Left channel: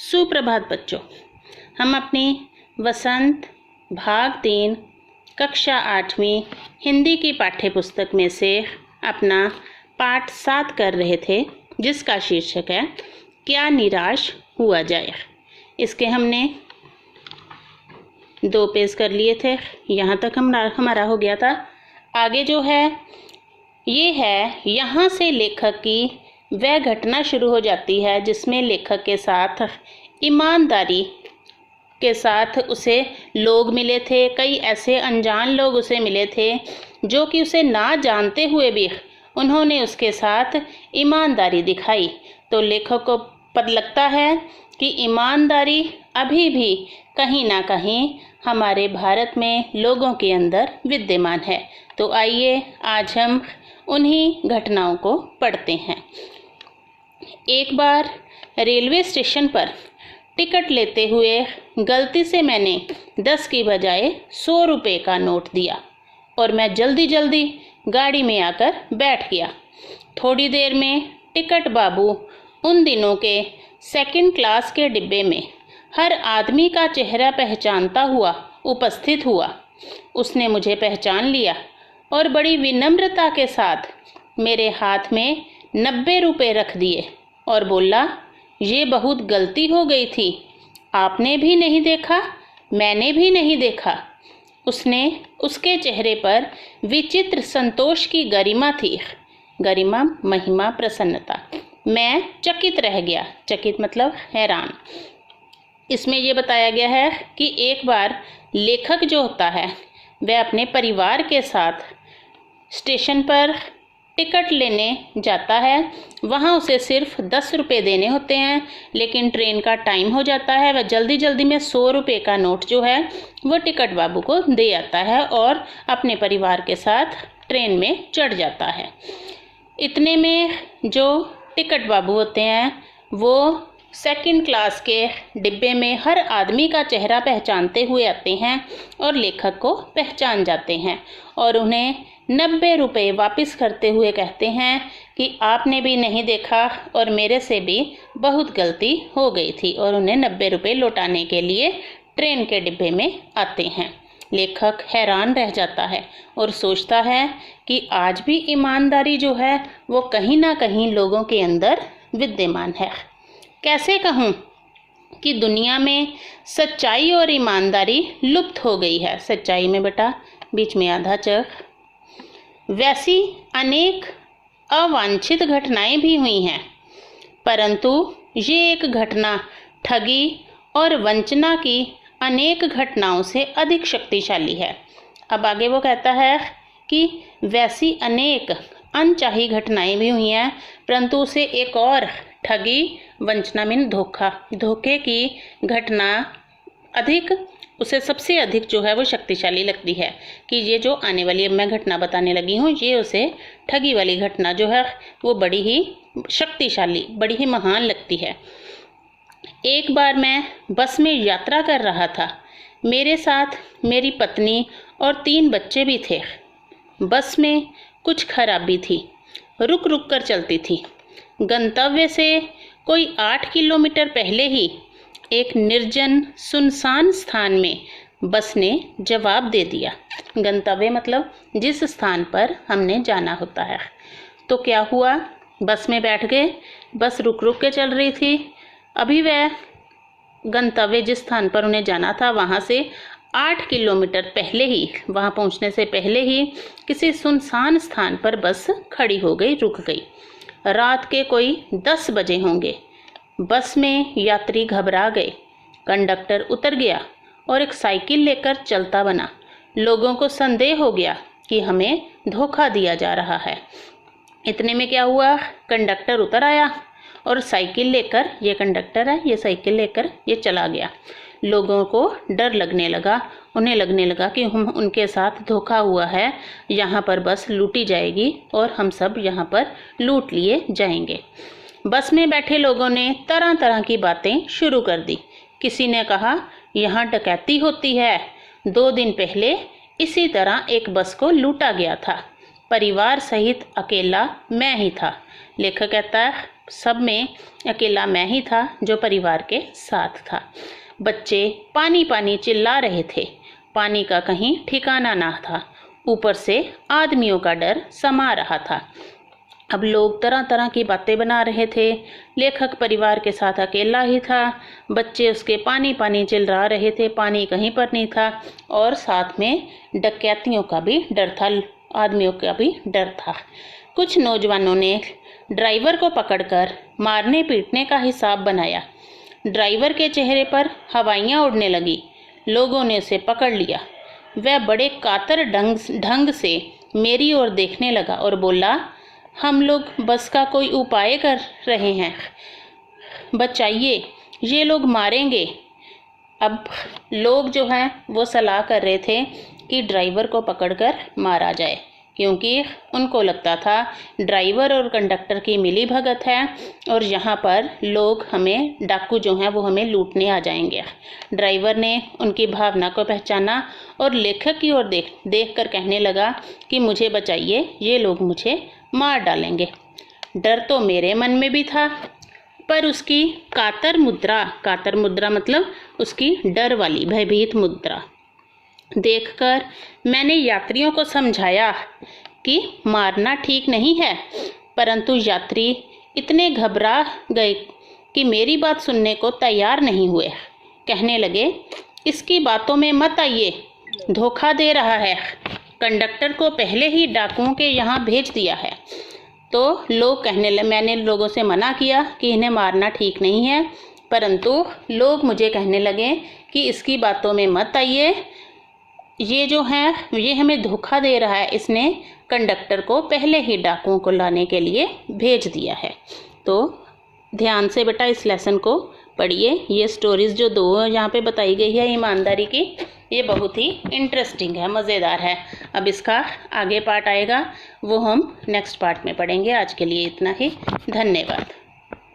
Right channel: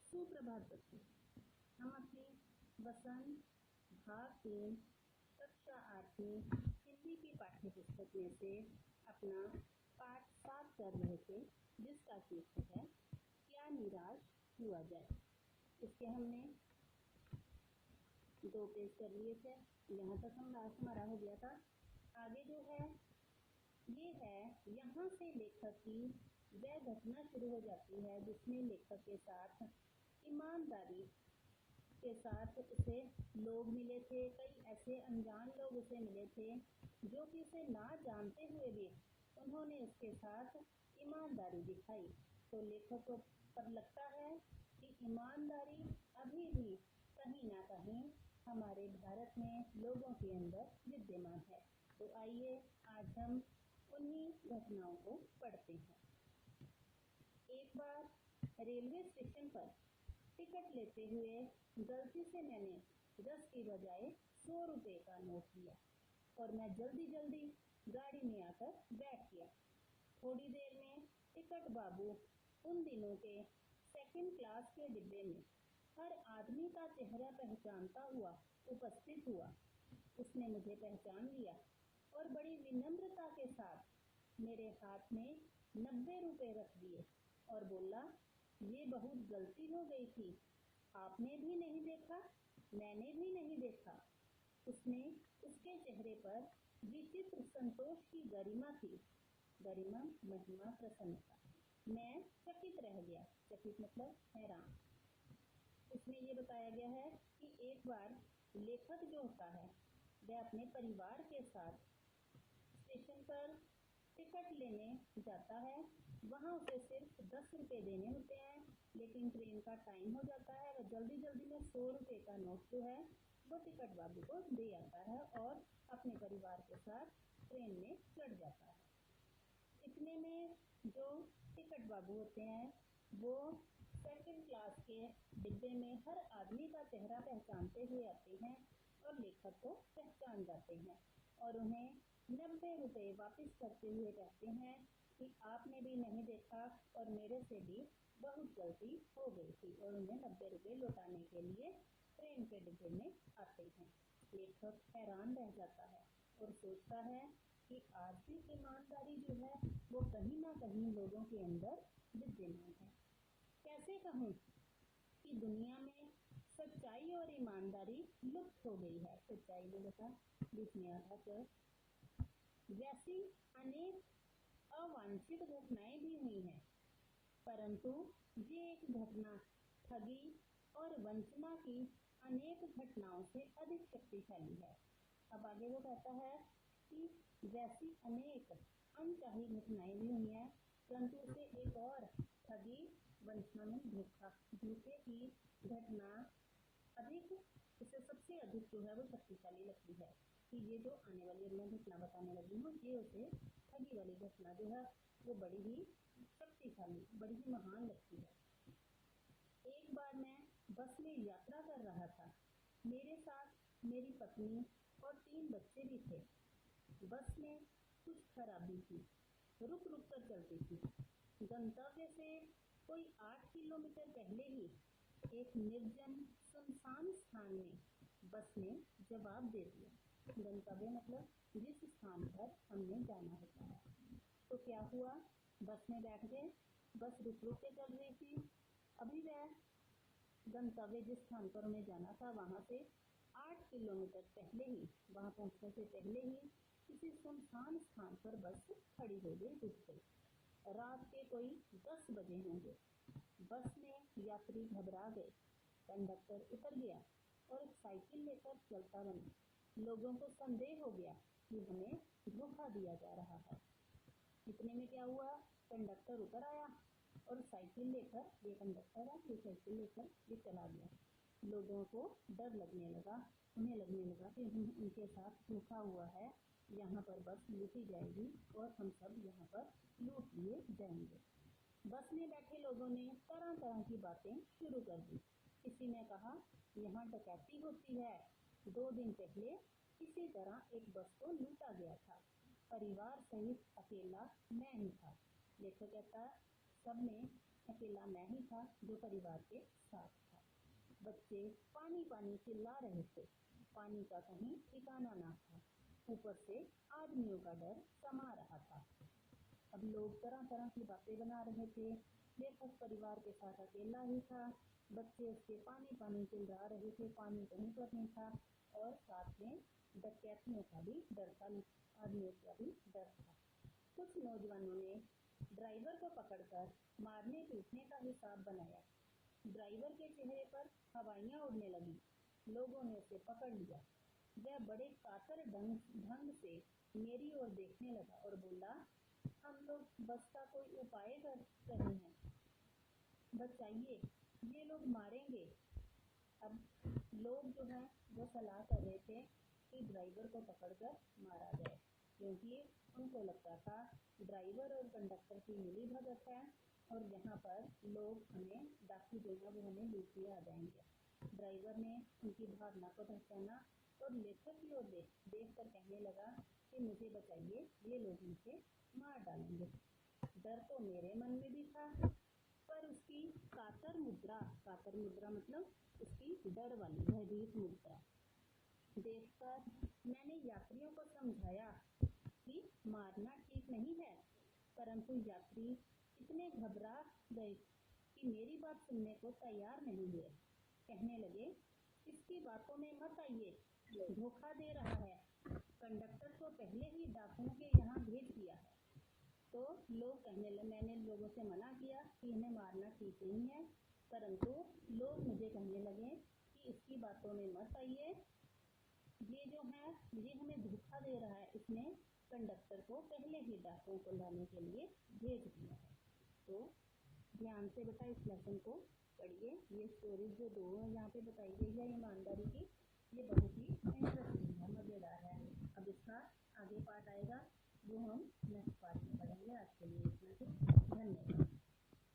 सुप्रभात बच्चों। हम अपनी वसंत भाग 3 कक्षा 8वीं हिंदी की पाठ्य पुस्तक में से अपना पाठ 7 कर रहे थे, जिसका शीर्षक है क्या निराश हुआ जाए। इसके हमने 2 पेज कर लिए थे। यहाँ तक हमारा हो गया था। आगे जो है ये है, यहाँ से लेखक की वह घटना शुरू हो जाती है जिसमें लेखक के साथ ईमानदारी के साथ उसे लोग मिले थे। कई ऐसे अनजान लोग उसे मिले थे जो कि उसे ना जानते हुए भी उन्होंने उसके साथ ईमानदारी दिखाई। तो लेखक को पता लगता है कि ईमानदारी अभी भी कहीं ना कहीं हमारे भारत में लोगों के अंदर विद्यमान है। तो आइए आज हम उन्हीं घटनाओं को पढ़ते हैं। एक बार रेलवे स्टेशन पर टिकट लेते हुए गलती से मैंने 10 की बजाय 100 रुपये का नोट दिया और मैं जल्दी गाड़ी में आकर बैठ गया। थोड़ी देर में टिकट बाबू उन दिनों के 2nd क्लास के डिब्बे में हर आदमी का चेहरा पहचानता हुआ उपस्थित हुआ। उसने मुझे पहचान लिया और बड़ी विनम्रता के साथ मेरे हाथ में 90 रुपये रख दिए और बोला, ये बहुत गलती हो गई थी, आपने भी नहीं देखा, मैंने भी नहीं देखा। उसके चेहरे पर विचित्र संतोष की गरिमा थी। गरिमा, महिमा, प्रसन्नता। मैं चकित रह गया। चकित मतलब हैरान। इसमें यह बताया गया है कि एक बार लेखक जो होता है वह अपने परिवार के साथ स्टेशन पर टिकट लेने जाता है। वहाँ उसे सिर्फ 10 रुपये देने होते हैं, लेकिन ट्रेन का टाइम हो जाता है। वह जल्दी में 100 रुपये का नोट जो है वो टिकट बाबू को दे आता है और अपने परिवार के साथ ट्रेन में चढ़ जाता है। इतने में जो टिकट बाबू होते हैं वो 2nd क्लास के डिब्बे में हर आदमी का चेहरा पहचानते हुए आते हैं और लेखक को पहचान जाते हैं और उन्हें 90 रुपये वापस करते हुए कहते हैं कि आपने भी नहीं देखा और मेरे से भी बहुत गलती हो गई थी, और उन्हें 90 रुपये लौटाने के लिए ट्रेन के डिब्बे में आते हैं। लेखक हैरान रह जाता है और सोचता है कि आज भी ईमानदारी जो है वो कहीं ना कहीं लोगों के अंदर विद्यमान है। कैसे कहूँ कि दुनिया में सच्चाई और ईमानदारी लुप्त हो गई है। सच्चाई में बेटा बीच में आधा च। वैसी अनेक अवांछित घटनाएं भी हुई हैं, परंतु ये एक घटना ठगी और वंचना की अनेक घटनाओं से अधिक शक्तिशाली है। अब आगे वो कहता है कि वैसी अनेक अनचाही घटनाएं भी हुई हैं, परंतु उसे एक और ठगी, वंचना मीन धोखे की घटना उसे सबसे अधिक जो है वो शक्तिशाली लगती है। कि ये जो आने वाली अब मैं घटना बताने लगी हूँ, ये उसे ठगी वाली घटना जो है वो बड़ी ही शक्तिशाली, बड़ी ही महान लगती है। एक बार मैं बस में यात्रा कर रहा था। मेरे साथ मेरी पत्नी और 3 बच्चे भी थे। बस में कुछ खराबी थी, रुक कर चलती थी। गंतव्य से कोई 8 किलोमीटर पहले ही एक निर्जन सुनसान स्थान में बस ने जवाब दे दिया। गंतव्य मतलब जिस स्थान पर हमने जाना होता है। तो क्या हुआ, बस में बैठ गए, बस रुक के चल रही थी। अभी वह गंतव्य जिस स्थान पर उन्हें जाना था वहाँ से 8 किलोमीटर पहले ही, वहाँ पहुँचने से पहले ही किसी सुनसान स्थान पर बस खड़ी हो गई, रुक गई। रात के कोई 10 बजे होंगे। बस में यात्री घबरा गए। कंडक्टर उतर गया और एक साइकिल लेकर चलता बना। लोगों को संदेह हो गया कि हमें धोखा दिया जा रहा है। इतने में क्या हुआ, कंडक्टर उतर आया और साइकिल लेकर, ये कंडक्टर है, ये साइकिल लेकर ये चला गया। लोगों को डर लगने लगा। उन्हें लगने लगा कि उनके साथ धोखा हुआ है, यहाँ पर बस लूटी जाएगी और हम सब यहाँ पर लूट लिए जाएंगे। बस में बैठे लोगों ने तरह तरह की बातें शुरू कर दी। किसी ने कहा यहाँ डकैती होती है, 2 दिन पहले इसी तरह एक बस को लूटा गया था, परिवार सहित अकेला मैं ही था। लेखक कहता है सब में अकेला मैं ही था जो परिवार के साथ था। बच्चे पानी पानी चिल्ला रहे थे। पानी का कहीं ठिकाना ना था। ऊपर से आदमियों का डर समा रहा था। अब लोग तरह तरह की बातें बना रहे थे। लेखक परिवार के साथ अकेला ही था। बच्चे उसके पानी पानी चिल्ला रहे थे, पानी कहीं पर नहीं था। और साथ में डकैतियों का भी डर था, आदमियों का भी डर था। कुछ नौजवानों ने ड्राइवर को पकड़कर मारने पीटने का हिसाब बनाया। ड्राइवर के चेहरे पर हवाइयाँ उड़ने लगी। लोगों ने उसे पकड़ लिया। वह बड़े कातर ढंग से मेरी ओर देखने लगा और बोला, हम लोग बस का कोई उपाय कर रहे हैं, बचाइए, ये लोग मारेंगे। अब लोग जो हैं वो सलाह कर रहे थे कि ड्राइवर को पकड़कर मारा जाए, क्योंकि उनको लगता था ड्राइवर और कंडक्टर की मिली भगत है और यहाँ पर लोग हमें, डाकू जो हैं वो हमें लूटने आ जाएंगे। ड्राइवर ने उनकी भावना को पहचाना और लेखक की ओर देख कर कहने लगा कि मुझे बचाइए, ये लोग मुझे मार डालेंगे। डर तो मेरे मन में भी था, पर उसकी कातर मुद्रा मतलब उसकी डर वाली भयभीत मुद्रा देखकर मैंने यात्रियों को समझाया कि मारना ठीक नहीं है। परंतु यात्री इतने घबरा गए कि मेरी बात सुनने को तैयार नहीं हुए। कहने लगे, इसकी बातों में मत आइए, धोखा दे रहा है। कंडक्टर को पहले ही डाकुओं के यहाँ भेज दिया है। तो लोग कहने लगे, मैंने लोगों से मना किया कि इन्हें मारना ठीक नहीं है, परंतु लोग मुझे कहने लगे कि इसकी बातों में मत आइए, ये जो है ये हमें धोखा दे रहा है, इसने कंडक्टर को पहले ही डाकुओं को लाने के लिए भेज दिया है। तो ध्यान से बेटा इस लेसन को पढ़िए। ये स्टोरीज़ जो दो यहाँ पे बताई गई है ईमानदारी की, ये बहुत ही इंटरेस्टिंग है, मज़ेदार है। अब इसका आगे पार्ट आएगा, वो हम नेक्स्ट पार्ट में पढ़ेंगे। आज के लिए इतना ही, धन्यवाद।